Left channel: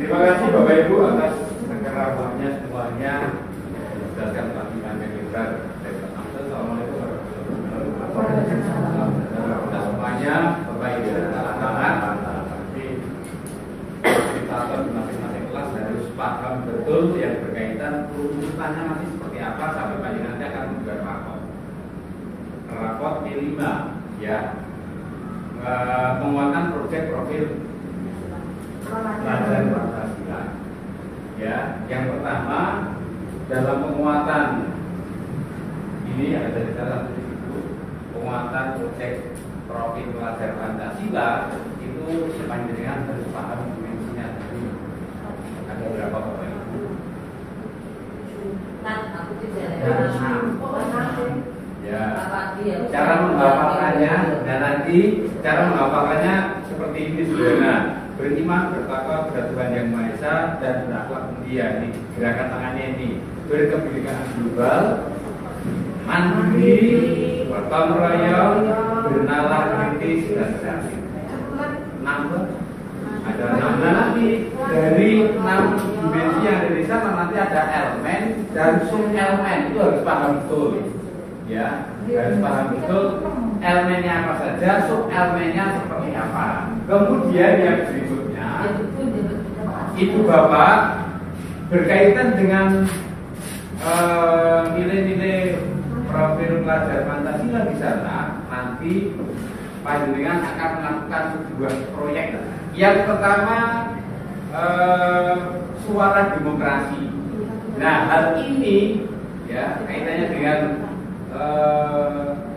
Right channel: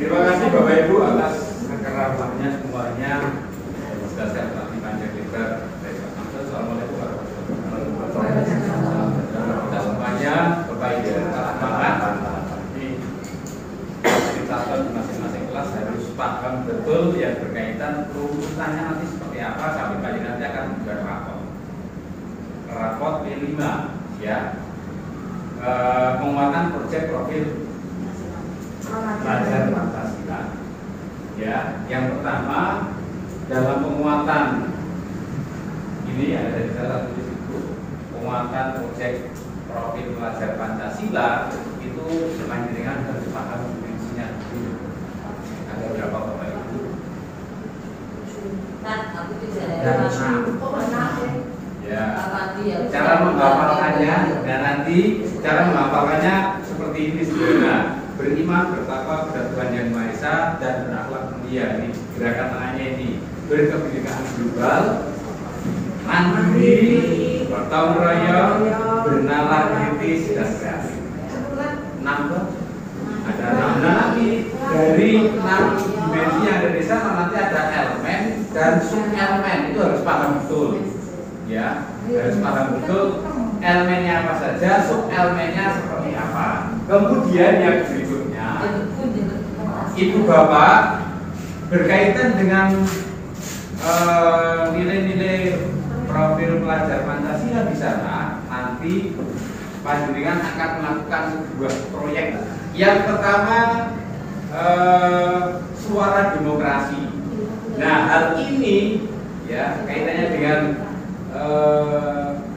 Terima kasih Bapak Ibu atas kerabatnya semuanya. Jelaskan tentang Panjang Lebar dari Pak Amsel. Assalamualaikum warahmatullahi wabarakatuh. Kita semuanya Bapak Ibu semangat. Kita di masing-masing kelas harus paham betul yang berkaitan runutannya nanti seperti apa sampai Pak nanti akan membuat rapot P5 ya. Penguatan proyek profil pelajar Pancasila. Ya, yang pertama dalam penguatan ini ada dari salah satu situ penguatan proyek profil pelajar Pancasila itu panjenengan harus paham dimensinya dulu. Ada berapa Bapak Ibu? Ya. Cara menghafalkannya dan nanti cara menghafalkannya seperti ini sederhana. Beriman, bertakwa kepada Tuhan Yang Maha Esa dan berakhlak mulia. Ini gerakan tangannya ini. Berkebinekaan global, mandiri, bertanggung royong, bernalar kritis dan kreatif. 6 ada 6 lagi. Dari 6 dimensi yang ada di sana nanti ada elemen dan sub elemen, itu harus paham betul. Ya, harus paham betul elemennya apa saja, sub elemennya seperti apa. Kemudian yang berikutnya, Ibu Bapak berkaitan dengan nilai-nilai profil pelajar Pancasila di sana, nanti panjenengan akan melakukan sebuah proyek. Yang pertama suara demokrasi. Nah, hal ini ya kaitannya dengan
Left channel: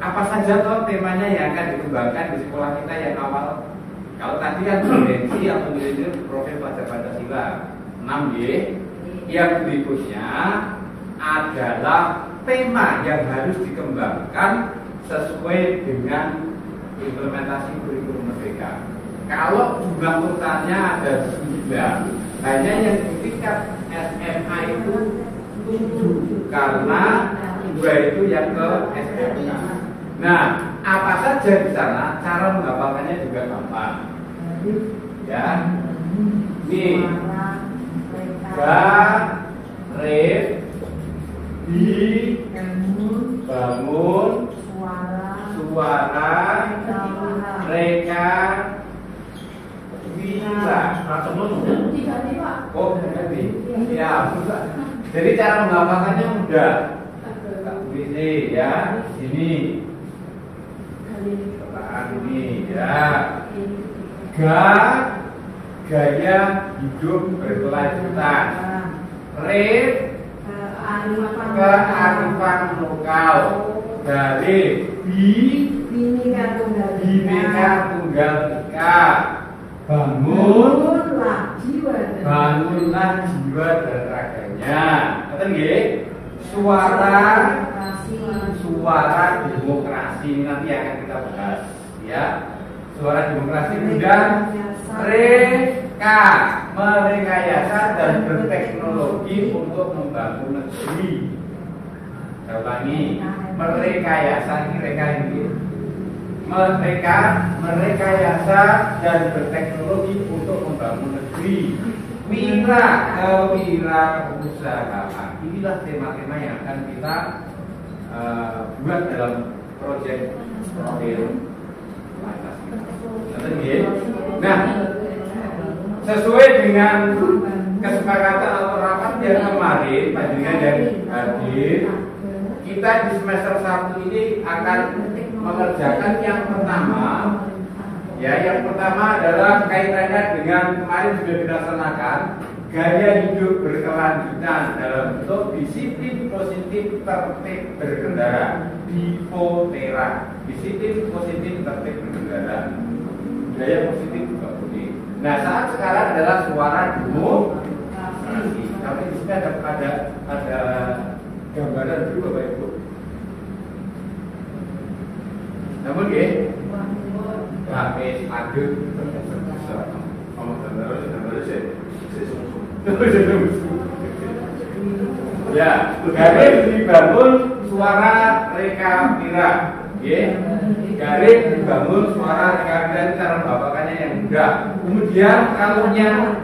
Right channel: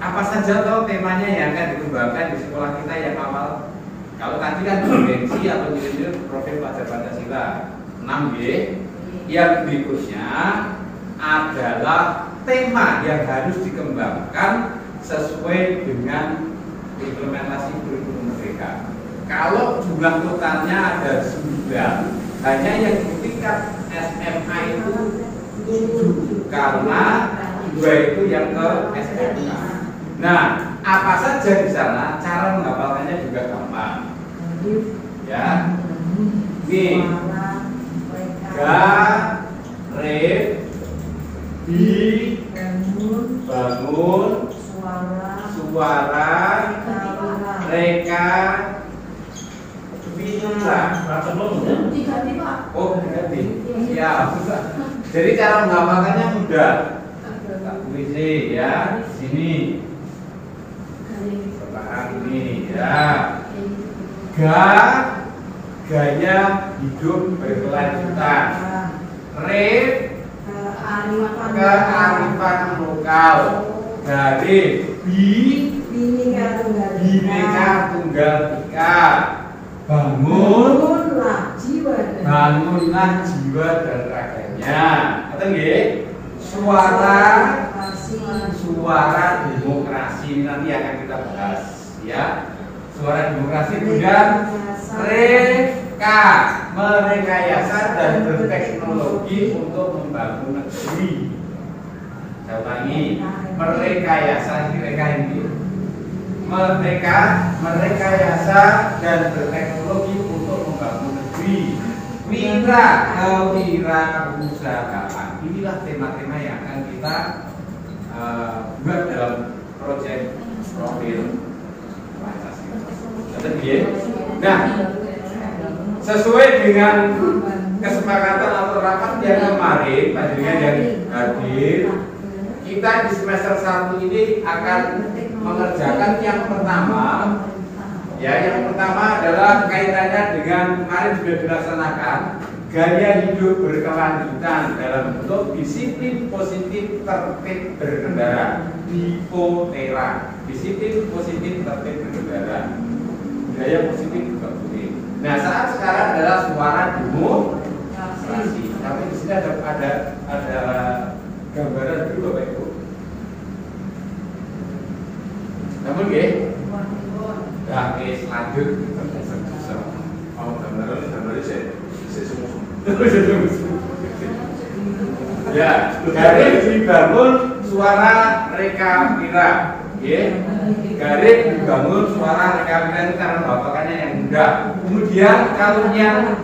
apa saja toh temanya yang akan dikembangkan di sekolah kita yang awal. Kalau tadi kan dimensi atau nilai profil pelajar Pancasila 6 yang berikutnya adalah tema yang harus dikembangkan sesuai dengan implementasi kurikulum merdeka. Kalau jumlah totalnya ada 9, hanya yang di tingkat SMA itu 7 karena 2 itu yang ke SMK. Nah, apa saja di sana, cara menghafalkannya juga gampang. Ya, nih, bangun, suara, reka, wira. Oh, ganti. Siap. Jadi cara menghafalkannya mudah. Tulis ya, sini. Setelah ini ya. Gaya hidup berkelanjutan. Kearifan lokal. Dari Bhinneka Tunggal Ika. Bangunlah jiwa dan raganya. Kata nggih? Suara demokrasi nanti akan kita bahas ya. Suara demokrasi kemudian merekayasa dan berteknologi untuk membangun negeri. Saya ulangi, merekayasa ini merekayasa dan berteknologi untuk membangun negeri. Kewirausahaan. Inilah tema-tema yang akan kita buat dalam proyek profil Pancasila. Nah, sesuai dengan kesepakatan atau rapat yang kemarin, panjenengan yang hadir, kita di semester 1 ini akan mengerjakan yang pertama. Ya, yang pertama adalah kaitannya dengan kemarin sudah dilaksanakan gaya hidup berkelanjutan dalam bentuk disiplin positif tertib berkendara, DIPOTERA. Disiplin positif tertib berkendara. Gaya positif juga penting. Nah, saat sekarang adalah suara demokrasi. Tapi di sini ada gambaran dulu Bapak Ibu. Namun wis aduk terus. Oh, gambaran sih. Ya, harus dibangun suara reka wira, garing dibangun suara rekapitulasi cara membawakannya yang mudah. Kemudian kalau yang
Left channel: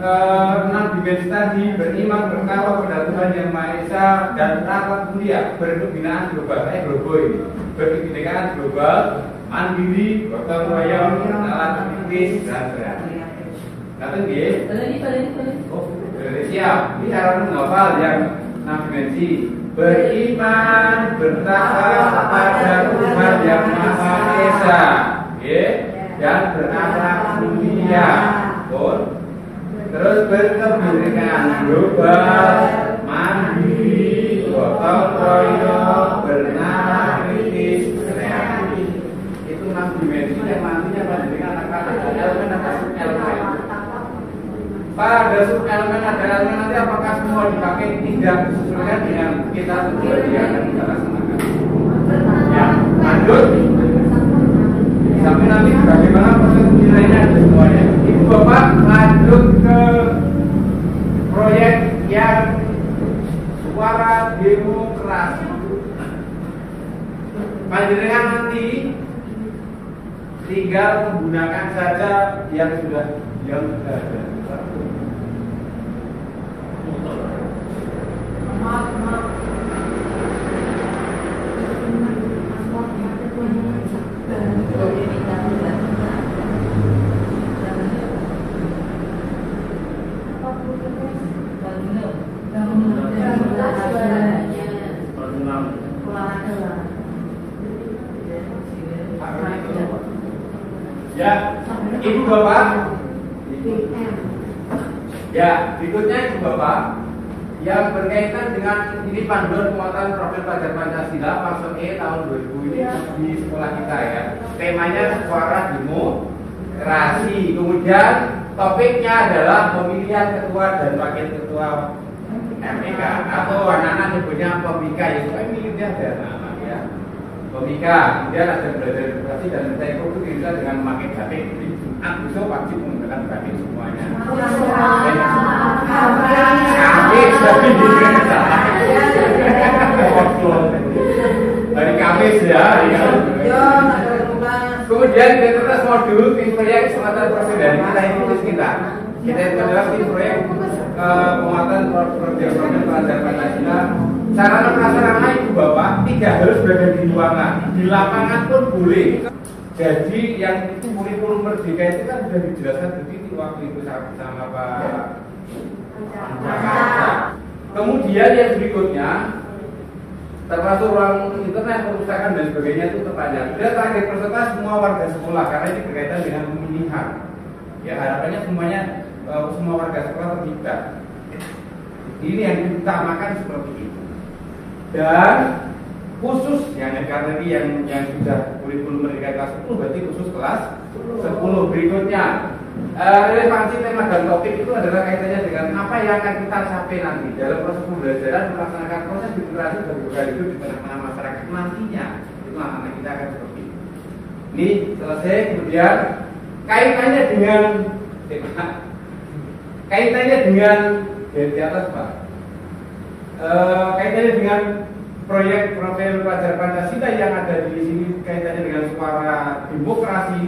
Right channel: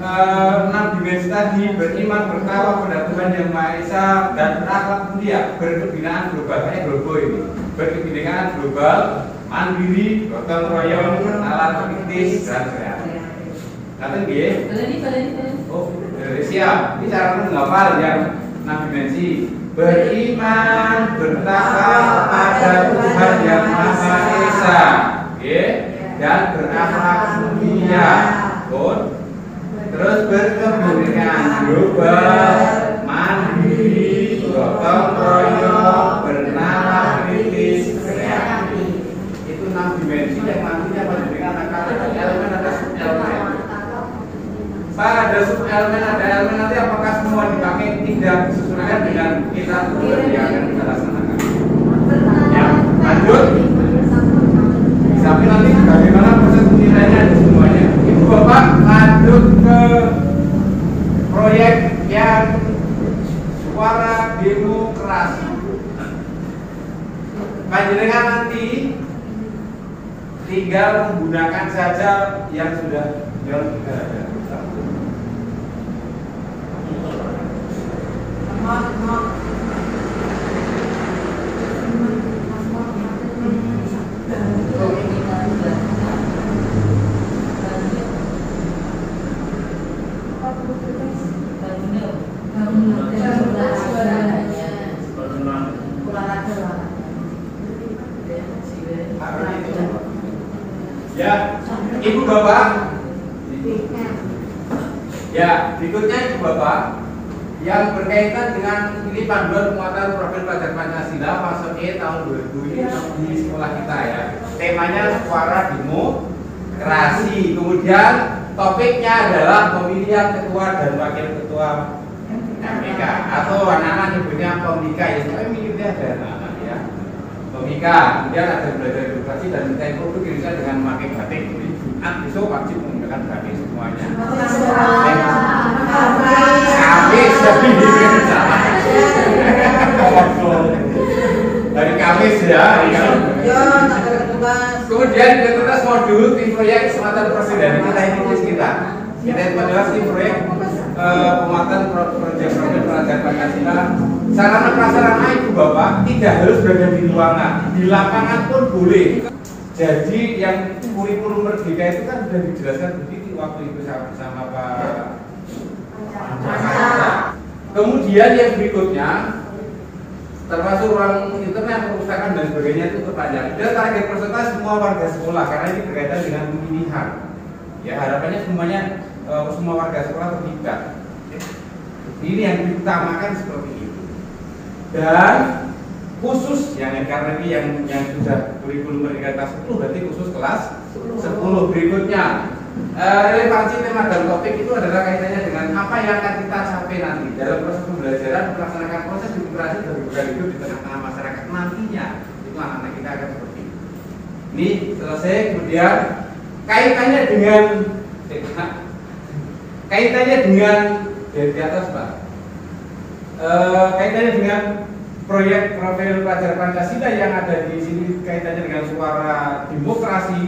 6 dimensi tadi, beriman bertakwa pada Tuhan yang Maha Esa dan berakhlak mulia, berkebinaan global, kayak global ini, berkebinekaan global, mandiri, gotong royong, alat kritis, dan sebagainya. Kata dia, oh, siap. Ini cara menghafal yang 6 dimensi. Beriman bertakwa pada Tuhan yang Maha Esa, dan berakhlak mulia. Terus berkebinekaan global, mandiri, gotong royong, bernalar kritis, kreatif. Itu 6 dimensi yang nantinya dengan kata elemen atau subelemen. Pada subelemen ada elemen nanti apakah semua dipakai tidak sesuai dengan kita yang akan kita laksanakan. Ya, lanjut. Sampai nanti bagaimana proses penilaiannya ada semuanya. Ibu Bapak lanjut ke proyek yang suara demokrasi. Panjenengan nanti tinggal menggunakan saja yang sudah ada. Ya, Ibu Bapak. Ya, berikutnya Ibu Bapak yang berkaitan dengan ini panduan penguatan profil pelajar Pancasila masuk tahun 2000 ini di sekolah kita ya. Temanya suara demokrasi. Kemudian topiknya adalah pemilihan ketua dan wakil ketua MPK atau anak-anak nyebutnya pemika ya. Saya miripnya ada anak-anak ya. Pemika. Kemudian ada belajar demokrasi dan tempo itu kita dengan memakai batik. Besok wajib menggunakan batik semuanya. Kamis dari Kamis ya. Kemudian identitas modul tim proyek Sumatera Presiden kita ini kita itu adalah tim proyek penguatan proyek pelajar Pancasila. Sarana prasarana Ibu Bapak tidak harus berada di ruangan, di lapangan pun boleh. Jadi yang kurikulum merdeka itu kan sudah dijelaskan begitu waktu itu sama Pak Jakarta. Kemudian yang berikutnya termasuk ruang internet, perpustakaan dan sebagainya itu terpanjang. Dan target peserta semua warga sekolah karena ini berkaitan dengan pemilihan. Ya harapannya semuanya semua warga sekolah terlibat. Ini yang diutamakan seperti itu. Dan khusus yang karena ini yang sudah kurikulum merdeka kelas 10 berarti khusus kelas 10 berikutnya. Relevansi tema dan topik itu adalah kaitannya dengan apa yang akan kita capai nanti dalam proses pembelajaran melaksanakan proses demokrasi bagi budaya hidup di tengah-tengah masyarakat nantinya. Itu anak-anak kita akan seperti ini. Ini selesai. Kemudian kaitannya dengan dari atas Pak. Kaitannya dengan proyek profil pelajar Pancasila yang ada di sini kaitannya dengan suara demokrasi.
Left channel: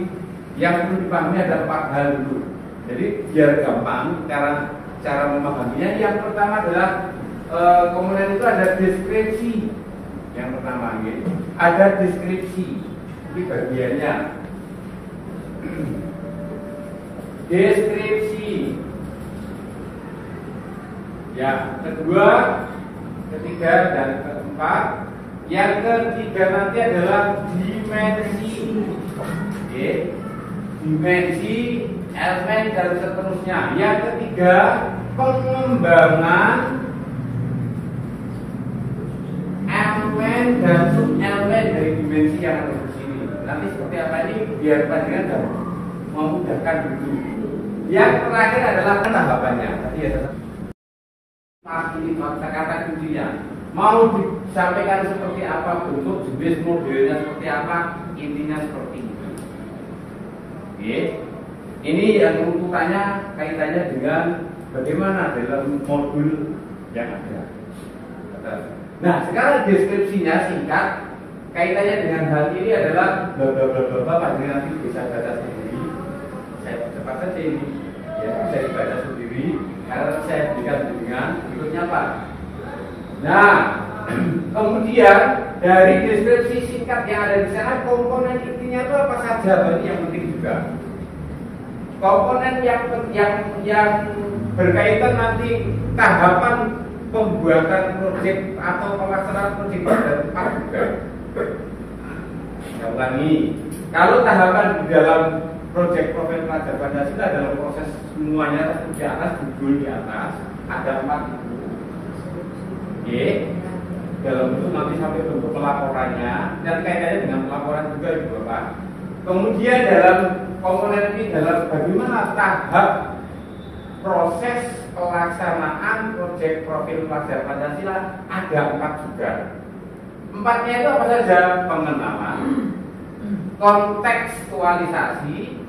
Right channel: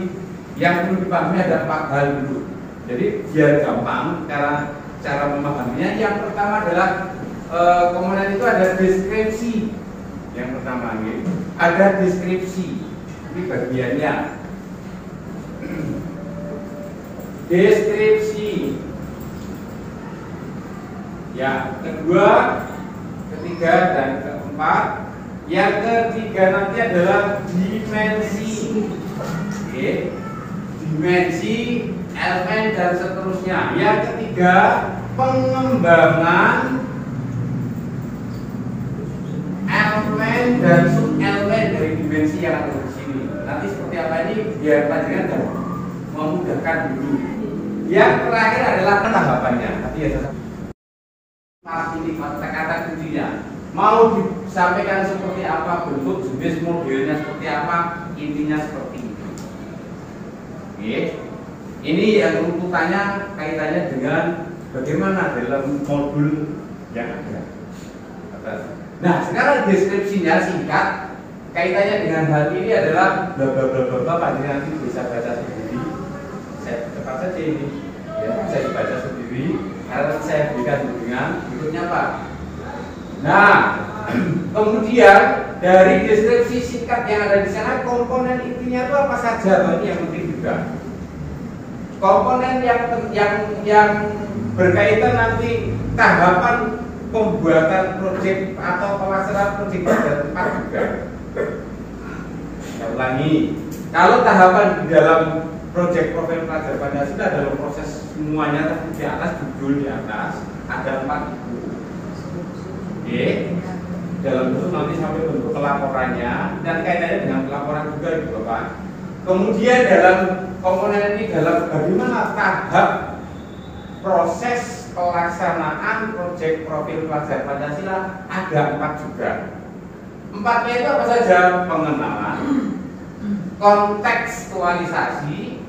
Yang perlu dipahami ada 4 hal dulu. Jadi biar gampang cara memahaminya. Yang pertama adalah komponen itu ada deskripsi. Yang pertama gitu. Ada deskripsi. Ini bagiannya. Deskripsi. Ya, kedua, ketiga dan keempat. Yang ketiga nanti adalah dimensi. Oke. Dimensi, elemen dan seterusnya. Yang ketiga, pengembangan elemen dan subelemen dari dimensi yang ada di sini. Nanti seperti apa ini biar panjenengan memudahkan dulu. Yang terakhir adalah tanggapannya. Tapi ya ini kata-kata kuncinya. Mau disampaikan seperti apa, bentuk jenis modelnya seperti apa, intinya seperti itu. Oke. Ini yang runtutannya kaitannya dengan bagaimana dalam modul yang ada. Nah, sekarang deskripsinya singkat. kaitannya dengan hal ini adalah bla bla bla bla bla. Pak nanti bisa baca sendiri. Saya cepat saja ini, ya saya baca sendiri. Karena saya berikan dengan berikutnya Pak. Nah, kemudian dari deskripsi singkat yang ada di sana, komponen intinya itu apa saja? Ini yang penting juga. Komponen yang berkaitan nanti tahapan pembuatan proyek atau pelaksanaan proyek pada tempat juga. Saya ulangi, kalau tahapan di dalam proyek profil pelajar Pancasila dalam proses semuanya di atas, judul di atas ada 4 itu. Oke, dalam bentuk nanti sampai bentuk pelaporannya dan kaitannya dengan pelaporan juga itu Bapak. Kemudian dalam komponen ini dalam bagaimana tahap proses pelaksanaan proyek profil pelajar Pancasila ada 4 juga. 4-nya itu apa saja? Pengenalan, kontekstualisasi,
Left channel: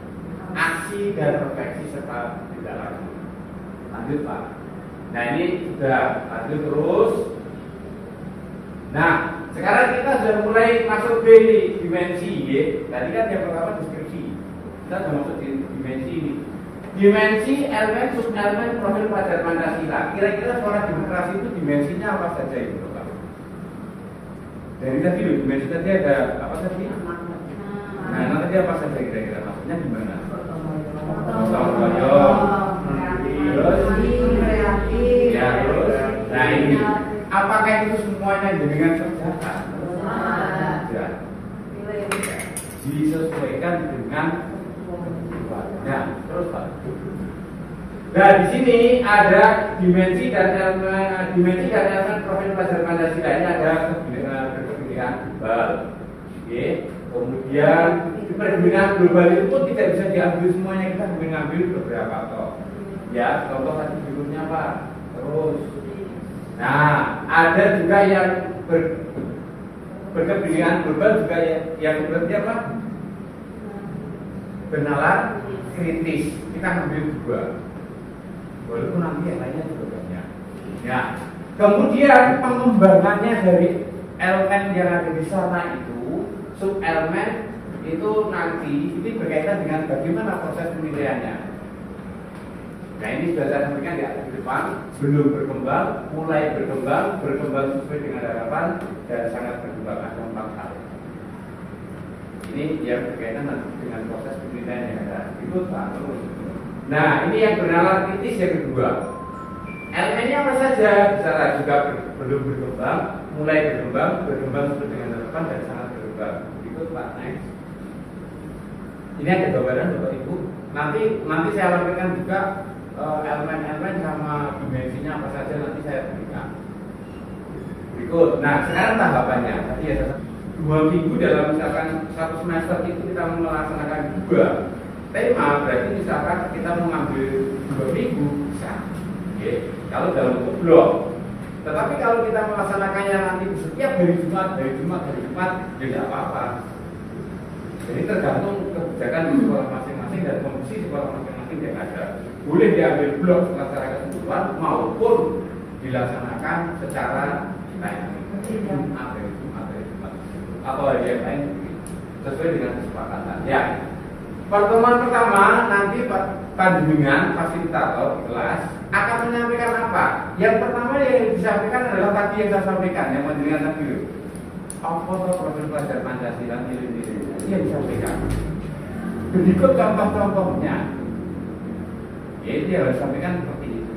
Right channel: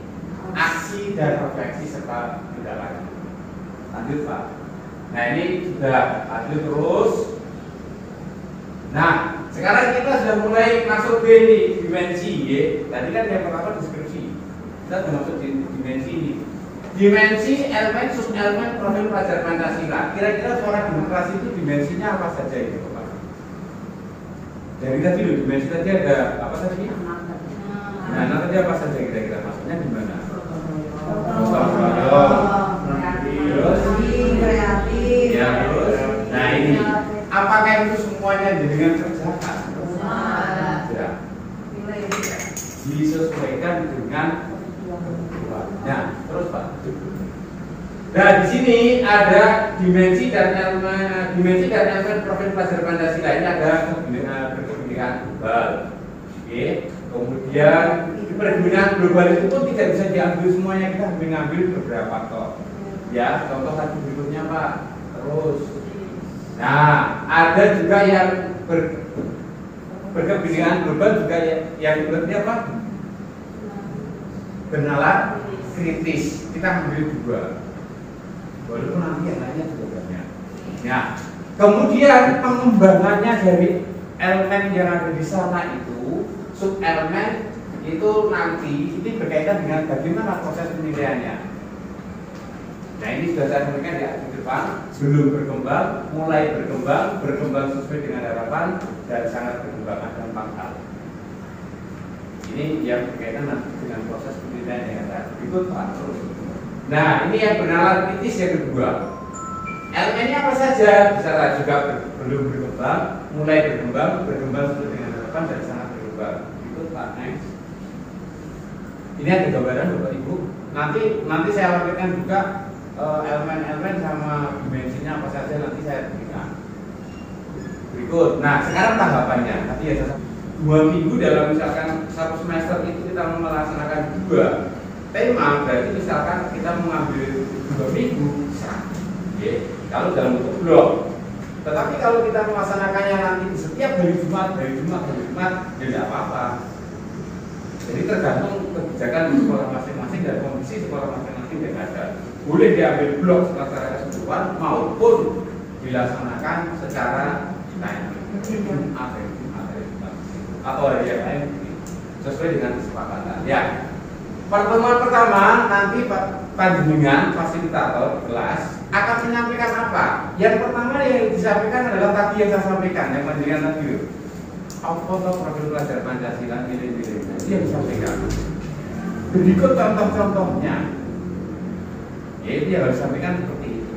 aksi dan refleksi serta tindak lanjut. Lanjut Pak. Nah ini sudah lanjut terus. Nah sekarang kita sudah mulai masuk ke ini dimensi ya. Tadi kan yang pertama deskripsi. Kita sudah masuk di dimensi ini. Dimensi elemen sub-elemen profil pelajar Pancasila. Kira-kira suara demokrasi itu dimensinya apa saja itu Bapak? Dari tadi loh, dimensi tadi ada apa tadi? Nah, tadi apa saja kira-kira maksudnya gimana? Terus, ya terus. Nah ini, apakah itu semuanya dengan kerjakan? Ya. Disesuaikan dengan kebutuhannya. Terus Pak. Nah di sini ada dimensi dan elemen profil pelajar Pancasila. Ini ada berkepentingan global. Oke. Kemudian perkepentingan global itu pun tidak bisa diambil semuanya, kita mengambil beberapa toh. Ya, contoh tadi berikutnya Pak. Terus. Nah, ada juga yang berkepentingan global juga yang berarti apa? Bernalar kritis. Kita ambil dua. Walaupun nanti yang lainnya juga banyak. Ya. Kemudian pengembangannya dari elemen yang ada di sana itu, sub elemen itu nanti ini berkaitan dengan bagaimana proses penilaiannya. Nah ini sudah saya sampaikan ya di depan, belum berkembang, mulai berkembang sesuai dengan harapan dan sangat berkembang ada 4 hal. Ini yang berkaitan dengan proses penilaian yang ada. Itu Pak. Nah ini yang bernalar kritis yang kedua. Elemennya apa saja? Bisa juga belum berkembang, mulai berkembang sesuai dengan harapan dan sangat berkembang. Itu Pak. Next. Ini ada gambaran Bapak Ibu. Nanti saya lampirkan juga elemen-elemen sama dimensinya apa saja nanti saya berikan. Berikut. Nah sekarang tahapannya. Tadi ya 2 minggu dalam misalkan 1 semester itu kita melaksanakan 2 tema, berarti misalkan kita mengambil 2 minggu bisa. Okay. Kalau dalam bentuk blok. Tetapi kalau kita melaksanakannya nanti setiap hari Jumat, ya tidak apa-apa. Jadi tergantung kebijakan di sekolah masing-masing dan kondisi sekolah masing-masing yang ada. Boleh diambil blok secara keseluruhan maupun dilaksanakan secara lain. Atau hari yang lain sesuai dengan kesepakatan. Ya. Pertemuan pertama nanti panjenengan fasilitator di kelas akan menyampaikan apa? Yang pertama yang disampaikan adalah tadi yang saya sampaikan, yang panjenengan tadi itu. Apa profil pelajar Pancasila nilai-nilainya yang disampaikan. Berikut contoh-contohnya. Ya itu yang harus disampaikan seperti itu.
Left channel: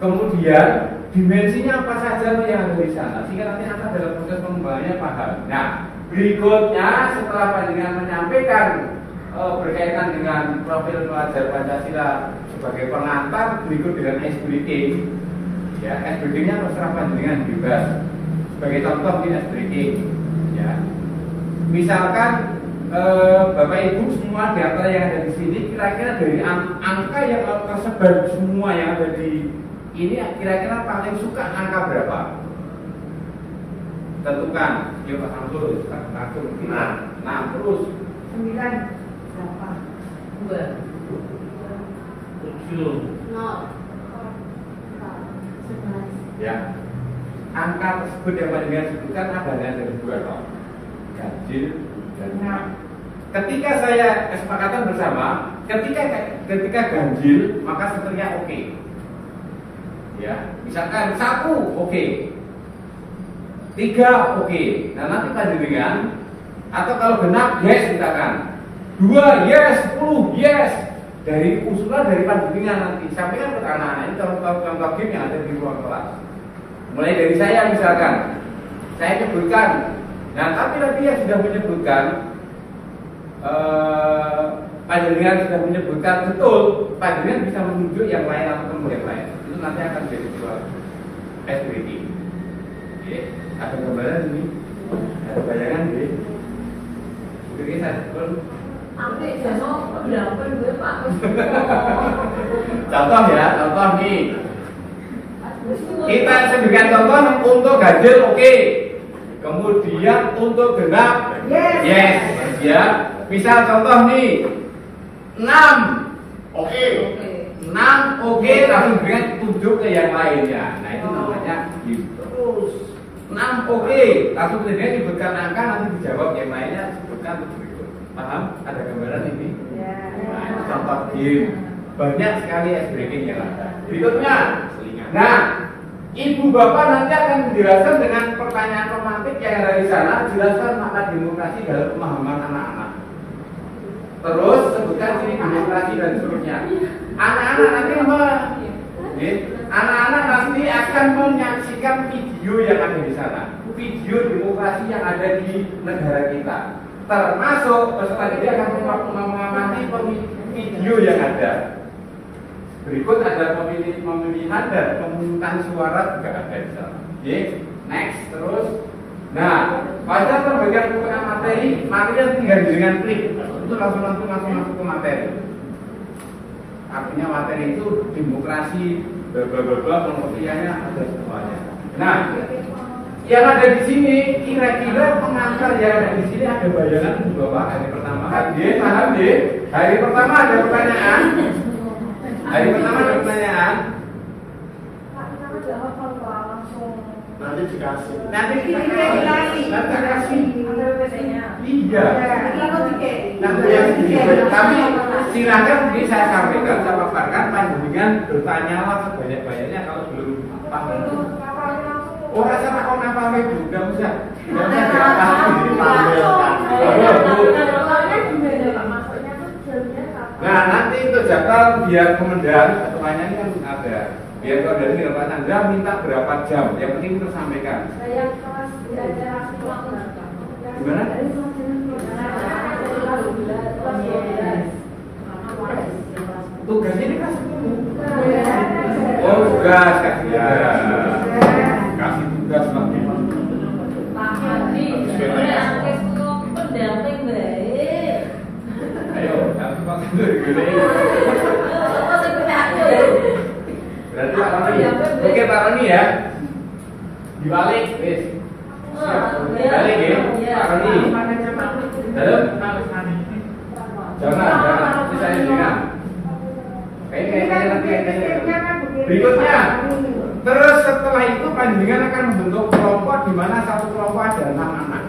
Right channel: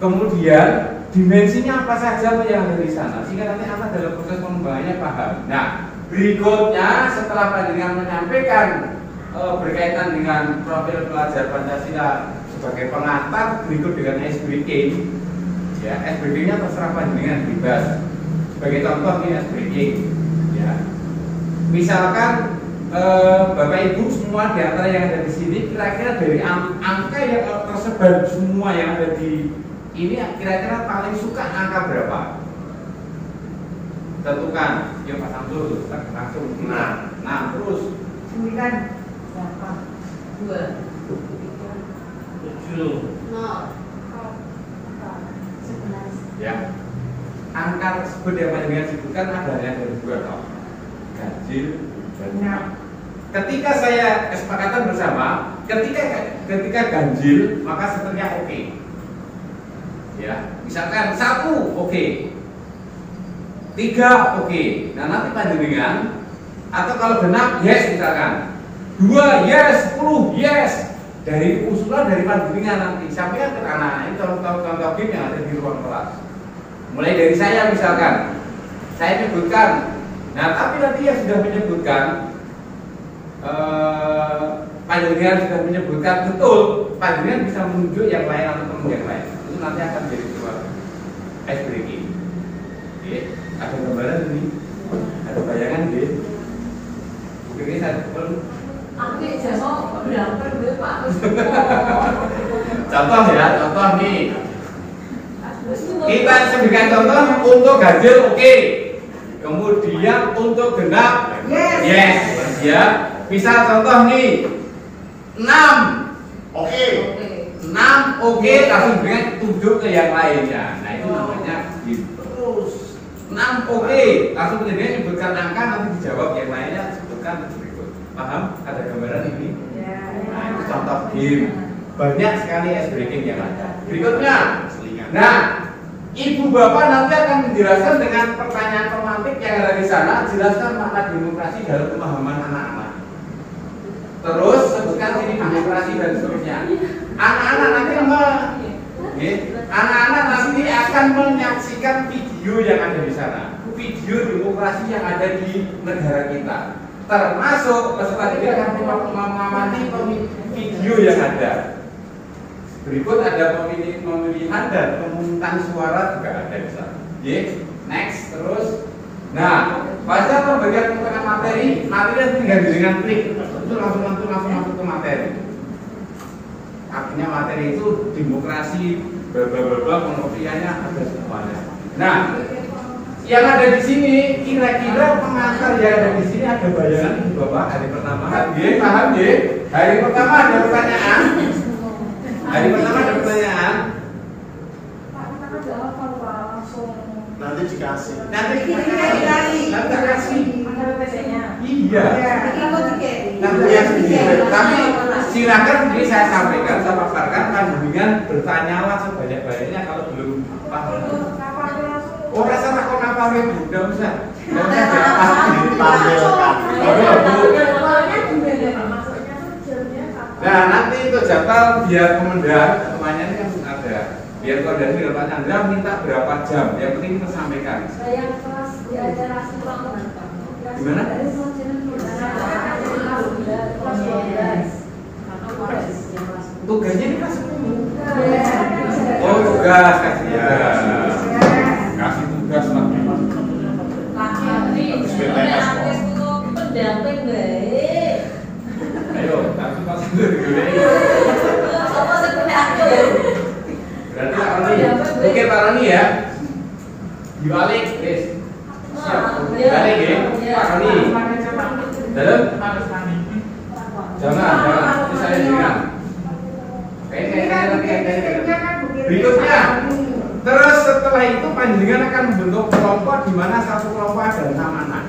Kemudian dimensinya apa saja yang ada di sana sehingga nanti anak dalam proses pengembangannya paham. Nah berikutnya setelah panjenengan menyampaikan berkaitan dengan profil pelajar Pancasila sebagai pengantar, berikut dengan ice breaking. Ya, ice breaking-nya terserah panjenengan bebas. Sebagai contoh ini ice breaking. Ya, misalkan Bapak Ibu semua di antara yang ada di sini kira-kira dari angka yang tersebar semua yang ada di ini kira-kira paling suka angka berapa? Tentukan. Yuk Pak Samsul, langsung. Nah, terus 9, 8, 2, 7, 0, 11. ya. Angka tersebut yang panjenengan sebutkan ada yang dari 2 toh. ganjil dan genap. Ketika saya kesepakatan bersama, ketika ganjil maka seterusnya oke. Ya, misalkan 1 oke. 3 oke. Nah, nanti panjenengan atau kalau genap yes misalkan. 2 yes, 10 yes. Dari usulan dari panjenengan nanti sampaikan ke anak-anak ini contoh-contoh game yang ada di ruang kelas. Mulai dari saya misalkan, saya menyebutkan. Nah, tapi nanti yang sudah menyebutkan panjenengan sudah menyebutkan betul, panjenengan bisa menunjuk yang lain atau teman yang lain. Itu nanti akan menjadi sebuah ice breaking. Oke, ada gambaran ini, ada bayangan ya. Oke, satu. Oke, jangan berapa Pak. Contoh ya, contoh nih. Kita sebutkan contoh untuk ganjil oke. Kemudian untuk genap yes. Ya. Misal contoh nih 6 oke. 6 oke, langsung berikan tunjuk ke yang lainnya. Nah, itu namanya terus 6 oke, langsung kemudian sebutkan angka, nanti dijawab yang lainnya sebutkan berikut. Paham? Ada gambaran ini? Nah, itu contoh game. Banyak sekali ice breaking yang ada. Berikutnya, nah, ibu bapak nanti akan menjelaskan dengan pertanyaan romantik yang ada di sana, jelaskan makna demokrasi dalam pemahaman anak-anak. Terus sebutkan sini demokrasi dan seterusnya. Anak-anak nanti akan menyaksikan video yang ada di sana, video demokrasi yang ada di negara kita. Termasuk peserta didik akan mengamati video yang ada. Berikut ada pemilihan dan pemungutan suara juga ada di sana. Next, terus. Nah, pada pembagian materi tinggal dengan klik. Itu langsung masuk ke materi. Artinya materi itu demokrasi, pengertiannya ada semuanya. Nah, yang ada di sini kira-kira pengantar yang ada di sini ada bayangan Bapak hari pertama. Paham ya? Hari pertama ada pertanyaan. Hari pertama ada pertanyaan. Pak, kita kan jawab kalau langsung. Nanti dikasih. Nanti dikasih. Ada WC-nya. Iya. Tapi silakan ini saya sampaikan, saya paparkan, panjenengan bertanyalah sebanyak-banyaknya kalau belum paham. Oh, rasa takut apa Bu? Enggak usah. Enggak usah Nah, nanti itu jadwal biar komandan atau ini kan ada. Biar komandan ini Pak Chandra minta berapa jam. Yang penting kita sampaikan. Saya kelas belajar asal. Gimana? Tugasnya ini kelas 10. Oh, tugas kasih ya. Kasih tugas lah. Ayo, tapi pas itu digoreng. Berarti Pak Roni. Oke Pak Roni ya. Dibalik, wes. Siap. Balik ya, Pak Roni. Dalam. Jangan. Ini saya ingat. Berikutnya. Terus setelah itu panjenengan akan membentuk kelompok di mana satu kelompok ada 6 anak.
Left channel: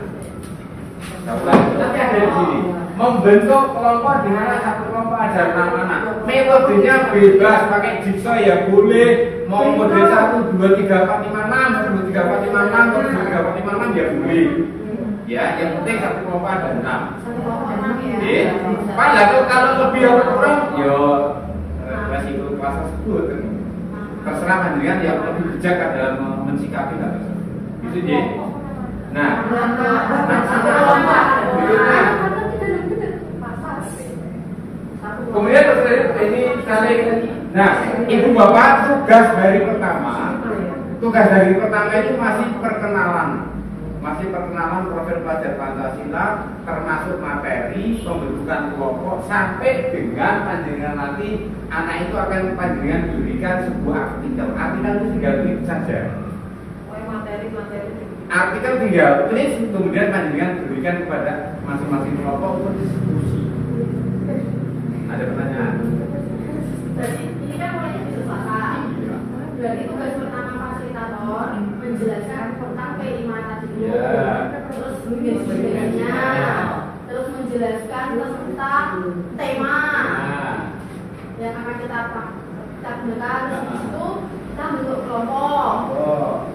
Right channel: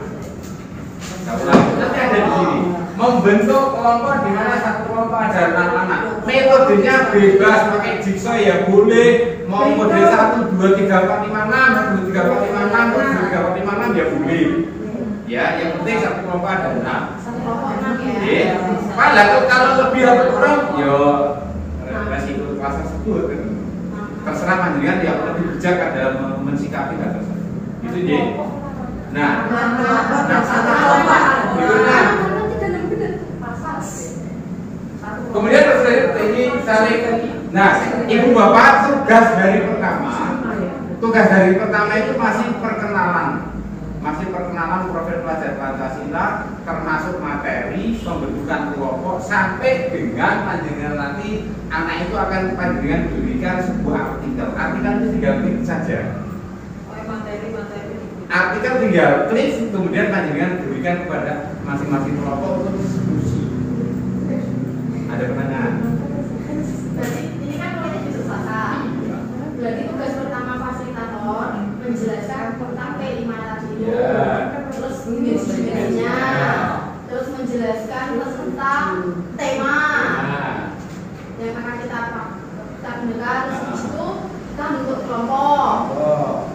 Nanti ada di sini. Membentuk kelompok di mana satu kelompok ada 6 anak. Metodenya bebas, pakai jigsaw ya boleh. Mau model 1, 2, 3, 4, 5, 6, 2, 3, 4, 5, 6, 2, 3, 4, 5, 6 ya boleh. Ya, yang penting satu kelompok ada 6. Oke. Pak, kalau lebih atau kurang, yo resiko kelas tersebut. Terserah panjenengan yang lebih bijak dalam mensikapi hal tersebut. Itu dia. Nah, berikutnya. Kemudian ini saling. Nah, ibu bapak tugas dari pertama itu masih perkenalan profil pelajar Pancasila, termasuk materi pembentukan kelompok sampai dengan panjenengan nanti anak itu akan panjenengan berikan sebuah artikel. Artikel itu tinggal klik saja. Artikel tinggal klik, kemudian panjenengan berikan kepada masing-masing kelompok untuk diskusi. Ada pertanyaan? Ini kan namanya disepakati. Berarti tugas pertama fasilitator menjelaskan tentang P5 tadi. Ya. Terus jenis-jenisnya Terus di situ kita bentuk kelompok.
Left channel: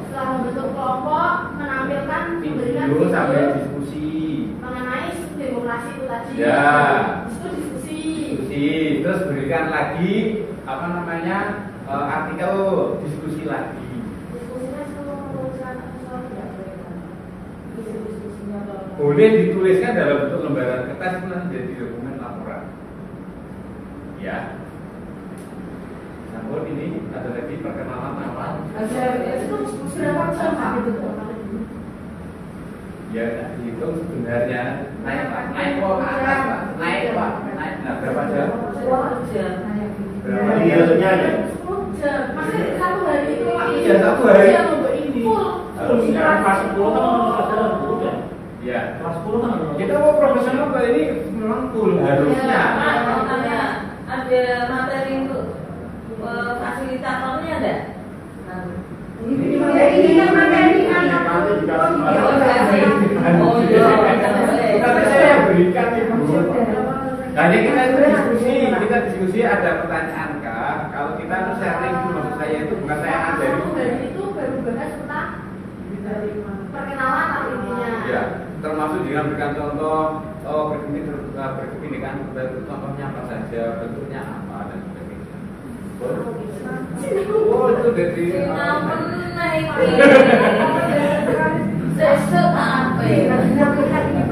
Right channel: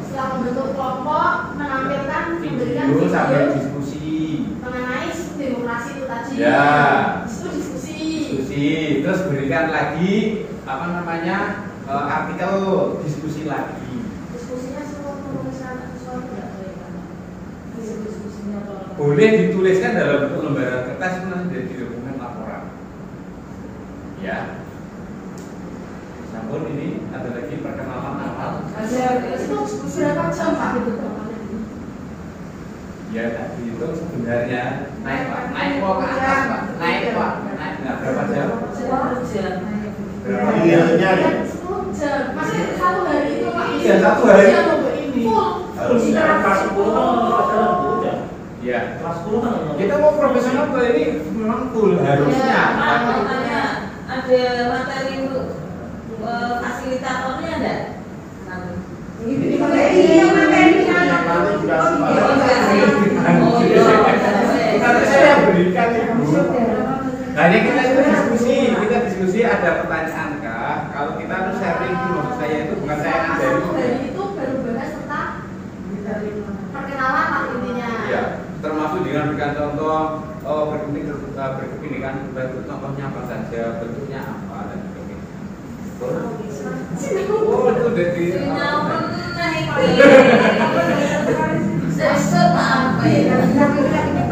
Setelah membentuk kelompok, menampilkan memberikan video sambil video diskusi. mengenai demokrasi itu tadi. Ya. Itu diskusi. Terus berikan lagi apa namanya artikel diskusi lagi. Diskusinya semua penulisan sesuatu tidak boleh kan? Diskusinya Boleh dituliskan dalam bentuk lembaran kertas itu nanti jadi dokumen laporan. Ya. Namun ini ada lagi perkenalan awal. Itu berapa jam Pak itu? Ya, dihitung sebenarnya naik Pak, naik ke atas Pak, naik Pak, naik. Nah, berapa jam? Berapa Iya, jam? 10 jam. Masih satu hari itu Pak. Iya, satu hari. Jam untuk ini. Harusnya kelas 10 kan udah. Ya. Kelas 10 kan Kita mau profesional kali ini memang full harusnya. Ada materi untuk fasilitatornya ada? Ini materi kan. nanti dikasih Oh iya. Nanti saya berikan Ibu. Nah, ini kita diskusi ada pertanyaan kah? Kalau kita tuh sharing itu maksud saya itu bukan saya ngajari. Satu hari itu baru bahas tentang perkenalan lah intinya. Ya, termasuk dengan berikan contoh berkepindikan bentuk contohnya apa saja, bentuknya apa dan sebagainya. Oh, itu dari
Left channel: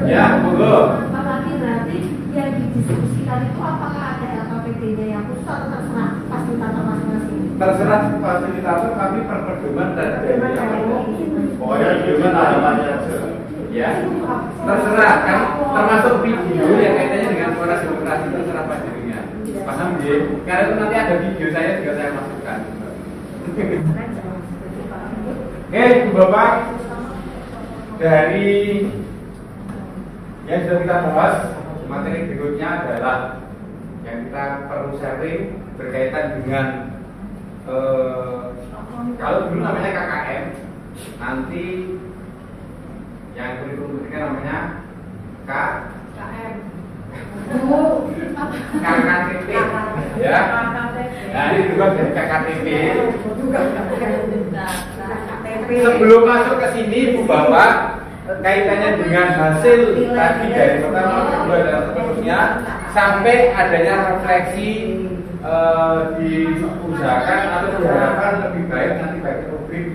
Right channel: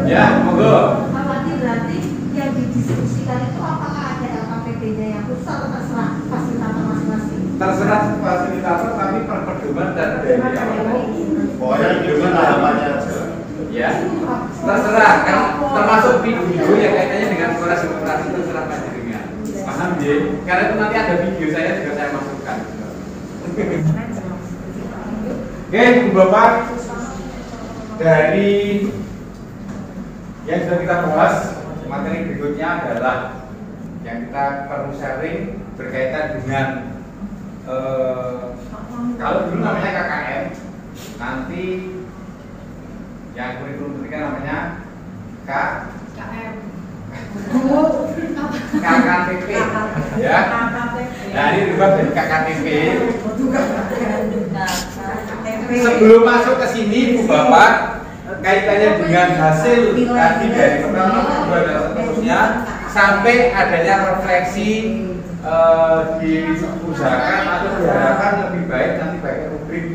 ya, monggo. Apalagi berarti yang didiskusikan itu apakah ada LKPD-nya yang khusus atau terserah fasilitator masing-masing? Terserah fasilitator tapi pedoman dan dari apa? Pokoknya dengan harapannya aja. Ya, terserah kan termasuk video yang kaitannya dengan suara demokrasi terserah panjenengan. Paham ya? Karena itu nanti ada video saya juga saya masukkan. Oke, Ibu Bapak, dari yang sudah kita bahas, materi berikutnya adalah yang kita perlu sharing berkaitan dengan kalau dulu namanya KKM, nanti yang kurikulum ketiga namanya KKTP, ya. Nah, ini juga dari KKTP. Sebelum masuk ke sini, Ibu Bapak, kaitannya dengan hasil tadi dari pertama, kedua dan seterusnya, sampai adanya refleksi diusahakan atau diharapkan lebih baik nanti baik rubrik.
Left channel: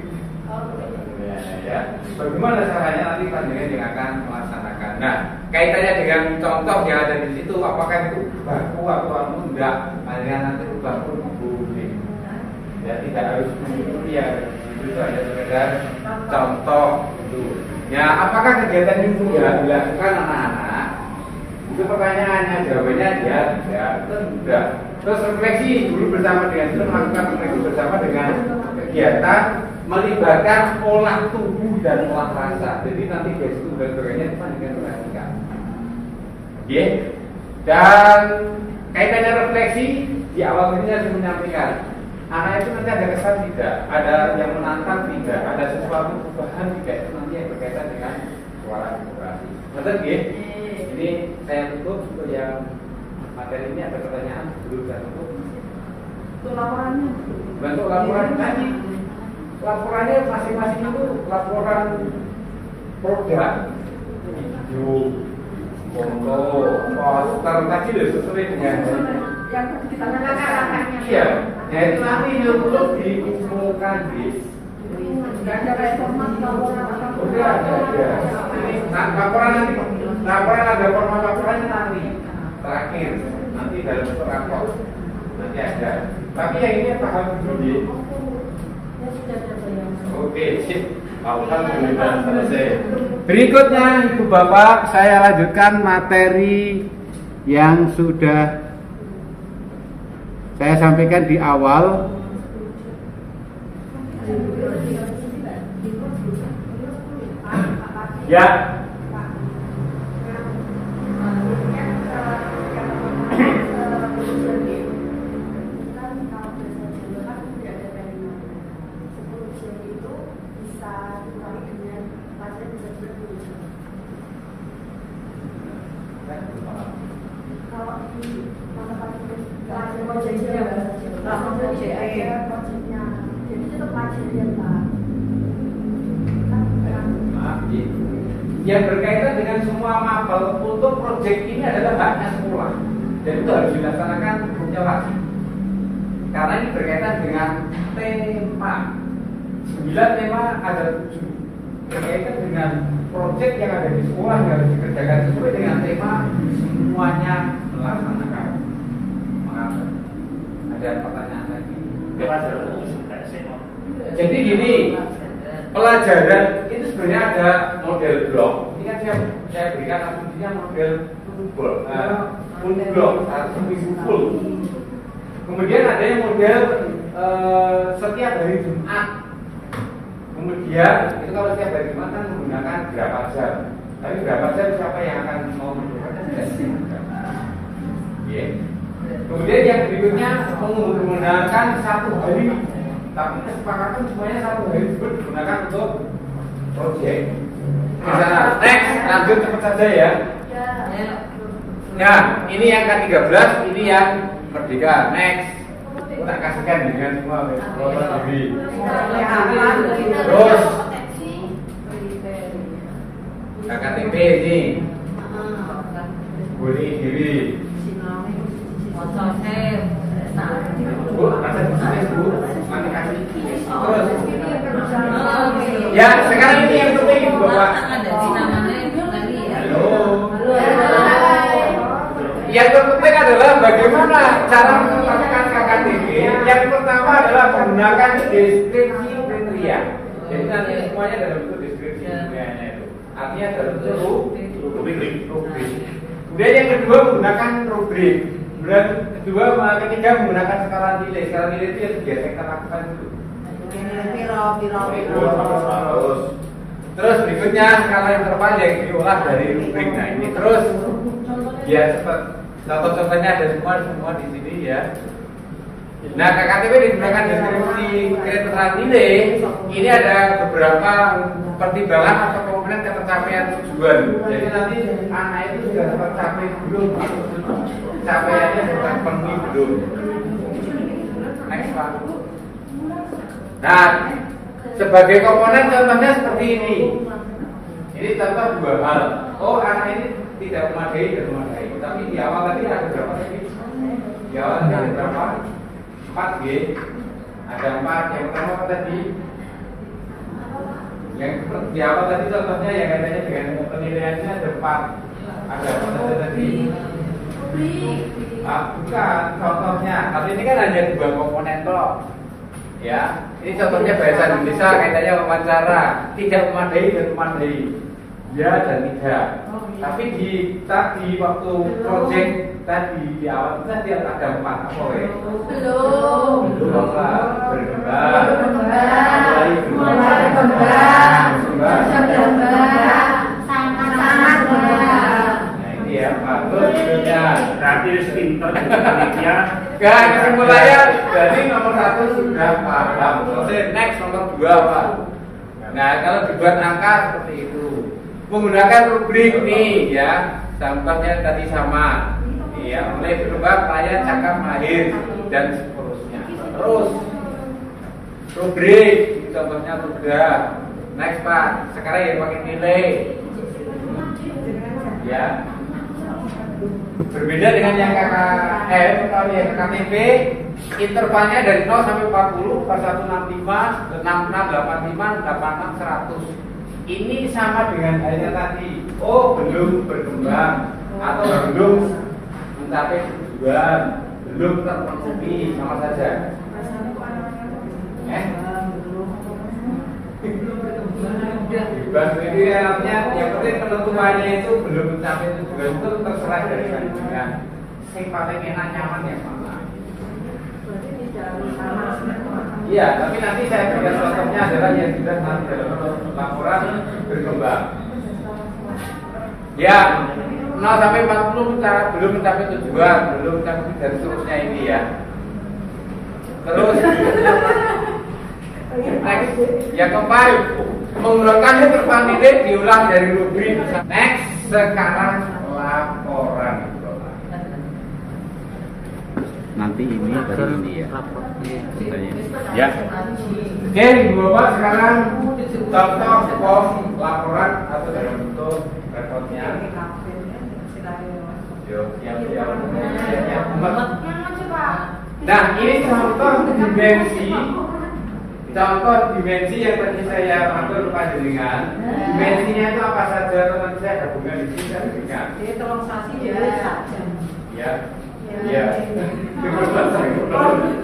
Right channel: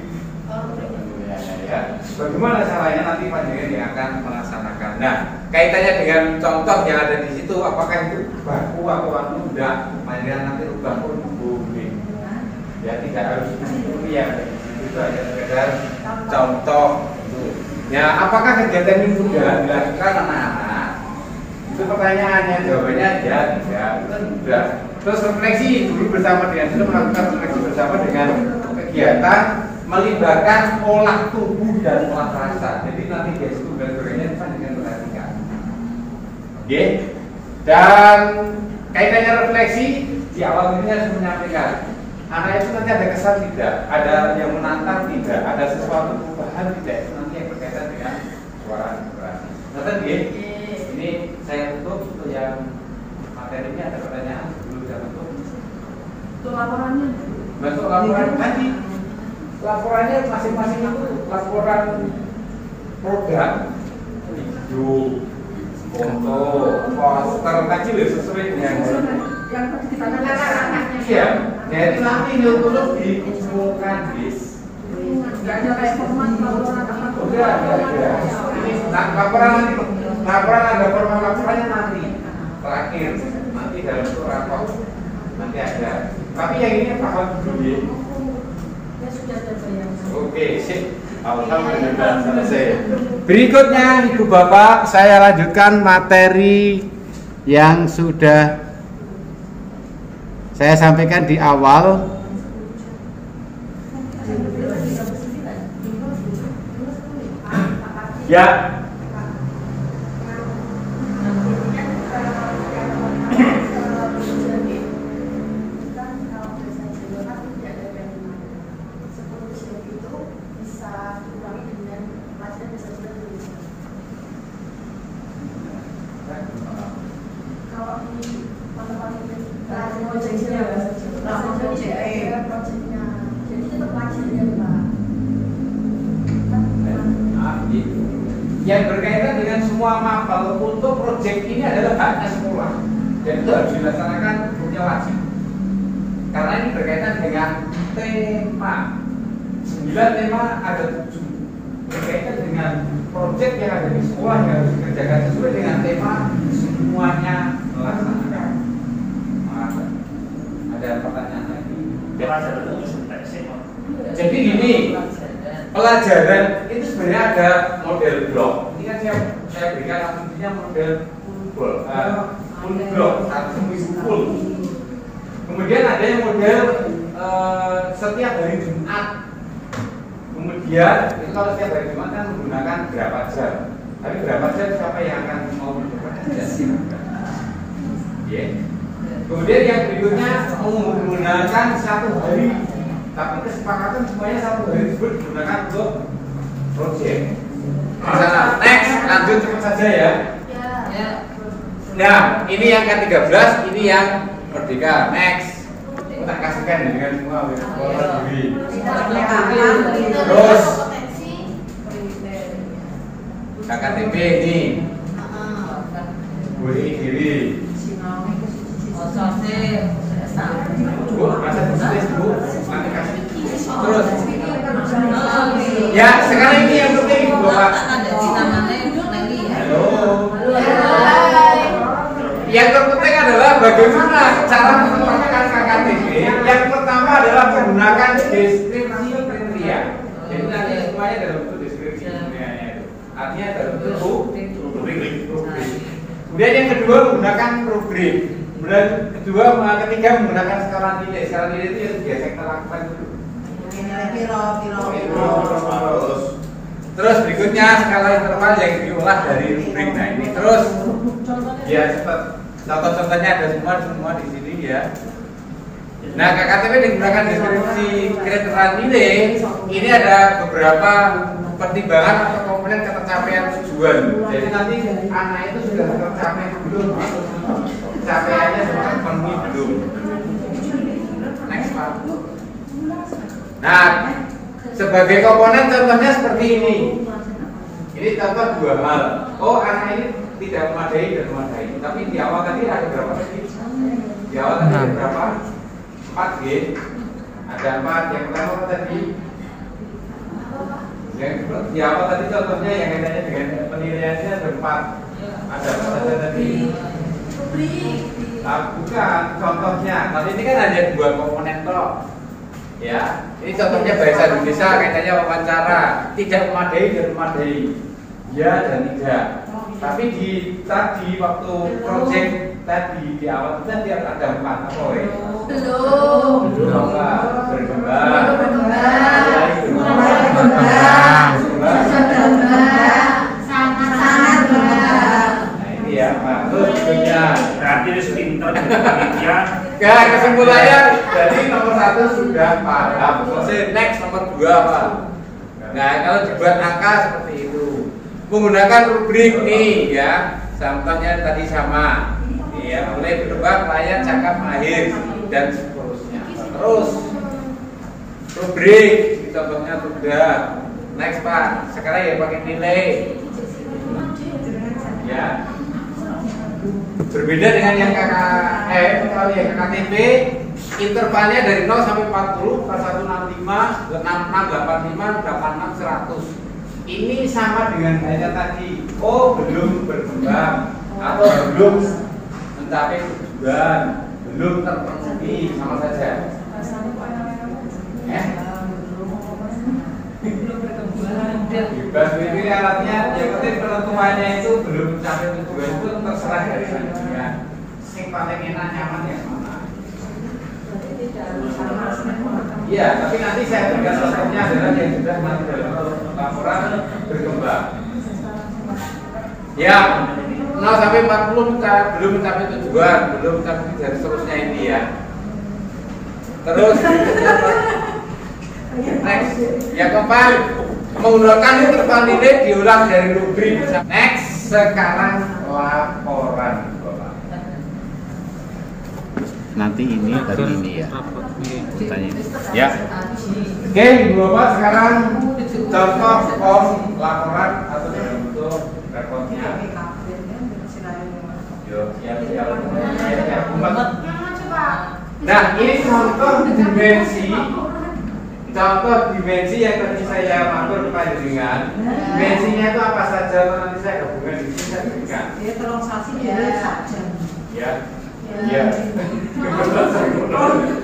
Ya, bagaimana caranya nanti panjenengan yang akan melaksanakan. Nah, kaitannya dengan contoh yang ada di situ, apakah itu baku atau enggak, panjenengan nanti rubah pun boleh. Ya, tidak harus kuliah. Itu hanya sekedar contoh itu. Ya, apakah kegiatan ini sudah dilakukan anak-anak? Itu pertanyaannya, jawabannya ya tidak, sudah. Terus refleksi dulu bersama dengan itu melakukan refleksi bersama dengan kegiatan melibatkan olah tubuh dan olah rasa. Jadi nanti gestur dan sebagainya itu dengan perhatikan. Oke. Dan kaitannya refleksi di awal ini harus menyampaikan. Anak itu nanti ada kesan tidak, ada yang menantang tidak, ada sesuatu perubahan tidak, itu nanti yang berkaitan dengan suara demokrasi. Nanti ini saya tutup untuk yang materi ini ada pertanyaan sebelum saya tutup. Untuk laporannya. Bentuk laporan tadi, laporannya masing-masing itu laporan program, video, foto, poster tadi loh sesuai dengan Yang kita lakukan. iya. Ya itu nanti ditutup diumumkan bis. Nggak ada kayak format laporan apa. Udah, ya. Ini laporan nanti, laporan ada format laporannya nanti terakhir, nanti dalam bentuk rapor nanti ada. Tapi yang ini paham dulu ya. Ya sudah terbayang. Oke, sip. Alhamdulillah selesai. Berikutnya Ibu Bapak, saya lanjutkan materi yang sudah saya sampaikan di awal. Ya. Kalau di tempat-tempat yang berkaitan dengan semua mapel untuk proyek ini adalah haknya sekolah. Dan itu harus dilaksanakan hukumnya wajib. Karena ini berkaitan dengan tema. 9 tema ada 7 berkaitan dengan proyek yang ada di sekolah yang harus dikerjakan sesuai dengan tema, semuanya melaksanakan. Maaf, ada pertanyaan lagi. Jadi gini, pelajaran itu sebenarnya ada model blok. Ini kan saya berikan asumsinya model full blok atau full. Kemudian ada yang model setiap hari Jumat. Kemudian itu kalau setiap hari Jumat kan menggunakan berapa jam. Tapi berapa jam siapa yang akan mau menggunakan? Kemudian yang berikutnya menggunakan 1 hari. Tapi kesepakatan semuanya 1 hari tersebut digunakan untuk proyek. Misalnya, next, lanjut cepat saja ya. Ya. Nah, ini yang ke-13, ini yang Merdeka. Next, tak kasihkan dengan semua diri. Terus KKTP ini boleh diri. Bu, masa tulis bu, nanti kasih. Terus, ya sekarang ini yang penting ibu bapak. Halo. Yang terpenting adalah bagaimana cara menempatkan KKTP. Yang pertama adalah menggunakan deskripsi kriteria. Jadi nanti semuanya dalam bentuk deskripsi kriterianya itu. Artinya dalam bentuk rubrik. Kemudian yang kedua menggunakan rubrik. Kemudian ketiga menggunakan skala nilai. Skala nilai itu yang biasa kita lakukan dulu. Terus berikutnya skala interval yang diolah dari rubrik. Nah ini terus ya cepat. Contoh-contohnya ada semua di sini ya. Nah KKTP digunakan deskripsi kriteria nilai. Ini ada beberapa pertimbangan atau komponen ketercapaian tujuan. Jadi nanti anak itu sudah tercapai belum? Capaiannya sudah terpenuhi belum? Next Pak. Nah sebagai komponen contohnya seperti ini. Ini contoh 2 hal. Oh anak ini tidak memadai dan memadai. Tapi di awal tadi ada berapa? Di awal tadi ada berapa? 4 G. Ada 4. Yang pertama apa tadi? Yang di awal tadi contohnya yang kaitannya dengan penilaiannya ada 4. Ada apa saja tadi? Bukan contohnya. Kalau ini kan hanya 2 komponen toh. Ya, ini contohnya bahasa Indonesia kaitannya wawancara. Tidak memadai dan memadai. Ya dan tidak. Tapi tadi waktu project tadi di awal tadi ada 4 apa ya? Belum apa? Berkembang. Sangat benar. Nah ini ya Pak. Terus berikutnya. Berarti pintar ya. Kesimpulannya dari nomor 1 sudah paham. Selesai. Next nomor 2 Pak. Nah kalau dibuat angka seperti itu. Menggunakan rubrik nih ya, contohnya tadi sama, ya mulai berubah layan, cakap, mahir dan seterusnya. Terus rubrik, contohnya sudah. Next Pak, sekarang yang pakai nilai, ya. Berbeda dengan yang KKM, kalau yang KTP intervalnya dari 0 sampai 40, pas 165, 66, 85, 86, 100. Ini sama dengan halnya tadi. Oh, belum berkembang atau belum mencapai tujuan, belum terpenuhi, sama saja. Bebas itu ya artinya yang penting penentuannya itu belum mencapai tujuan itu terserah dari saya. Sing paling enak nyaman yang mana? Iya, tapi nanti saya berikan contohnya adalah yang sudah laporan berkembang. Ya, 0 sampai 40 belum mencapai tujuan, belum mencapai dan seterusnya ini ya. Terus, next, yang keempat, menggunakan interval nilai diulang dari rubrik. Next, sekarang laporan. Nanti ini atau ini ya? Tanya. Ya. Oke, Ibu Bapak sekarang contoh form laporan atau dalam bentuk Siap. Yang mana coba? Nah, ini contoh dimensi yang tadi saya matur panjenengan. Dimensinya itu apa saja? Nanti saya gabungkan di sini saya berikan. Jadi tolong sasi ya saja. Ya. Ya.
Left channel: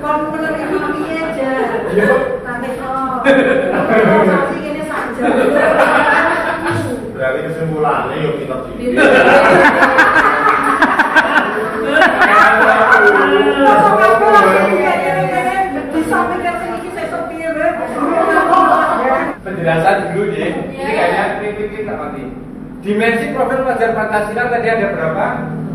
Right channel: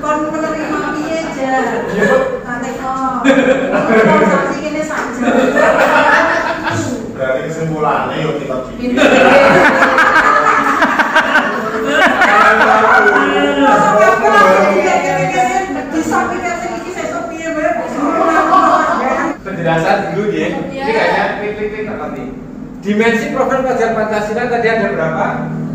Kon menerima piye aja. Tante kok. Tolong sasi kene saja. Berarti kesimpulannya yuk kita bikin. Penjelasan dulu ya. Ini kayaknya klik-klik nanti. Dimensi profil pelajar Pancasila tadi ada berapa?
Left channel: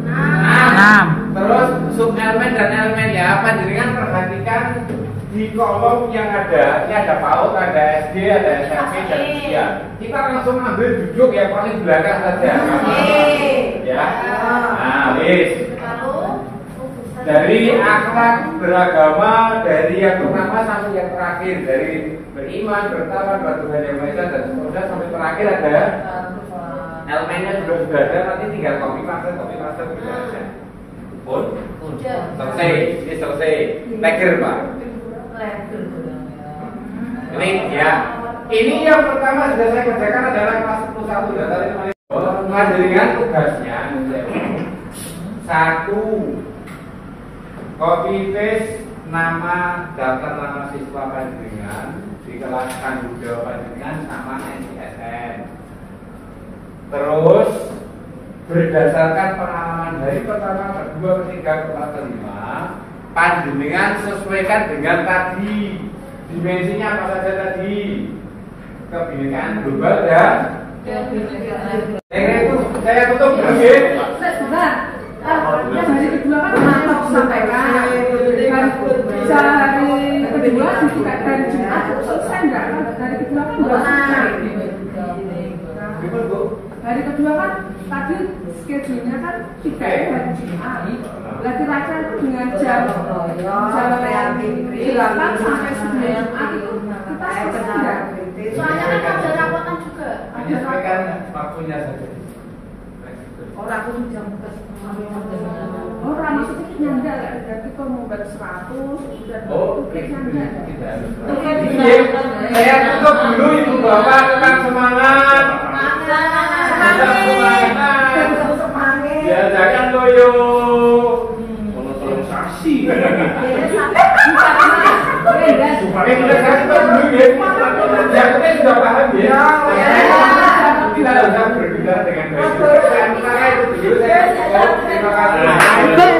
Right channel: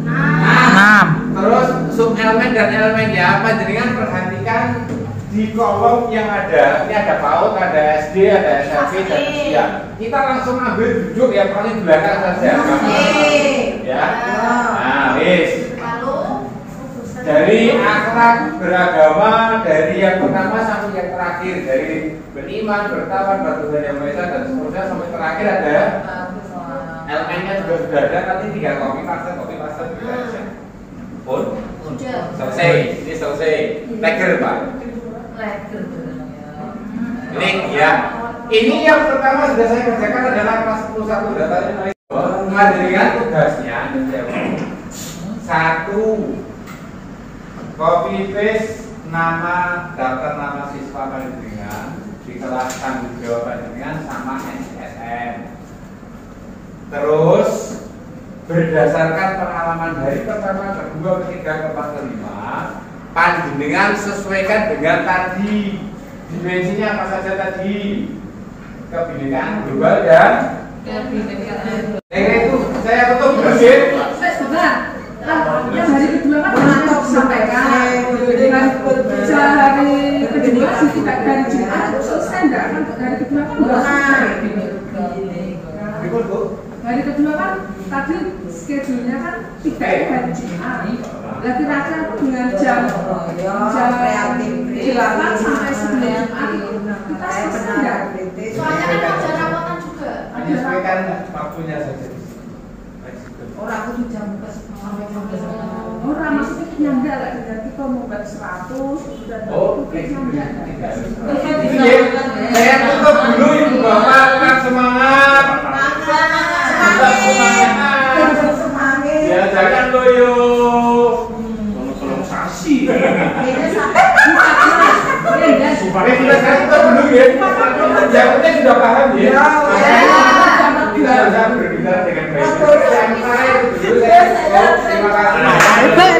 6. Terus sub elemen dan elemennya panjenengan perhatikan di kolom yang ada. Ini ada PAUD, ada SD, ada SMP dan usia. Kita langsung ambil duduk ya, paling belakang saja. Ya. Nah, wis. Dari akhlak beragama, dari yang pertama sampai yang terakhir, dari beriman, bertawan, bertuhan yang maha esa dan seterusnya sampai terakhir ada elemennya juga sudah ada, nanti tinggal copy paste gitu aja. Pun selesai, ini selesai. Tagger Pak. Ini ya. Ini yang pertama sudah saya kerjakan adalah kelas 11 data dengan tugasnya satu. Copy paste nama daftar nama siswa panjenengan di kelas tanggung jawab panjenengan sama SSN. Terus berdasarkan pengalaman dari pertama, kedua, ketiga, keempat, kelima, panjenengan sesuaikan dengan tadi dimensinya apa saja tadi, kebinekaan global dan itu saya tutup dulu ya. Hari kedua kan mantap sampaikan. Hari kedua juga dari Jumat itu selesai enggak kan? Hari kedua kan belum selesai. Hari kedua kan tadi schedule-nya kan 3 hari Jumat. Lagi baca dengan jam 8 sampai 9 Jumat itu kita selesai enggak? Soalnya kan ada rapotan juga. Menyesuaikan waktunya saja. Orang aku jam Orang maksudnya nyangga lah, jadi kalau mau bagi 100 dan nyangga. Saya tutup dulu Ibu Bapak, tetap semangat. Tetap semangat. Ya jangan loyo. Tolong sasi. Sudah saya tutup dulu ya. Yang penting sudah paham ya. Kita bisa berbicara dengan baik. Terima kasih.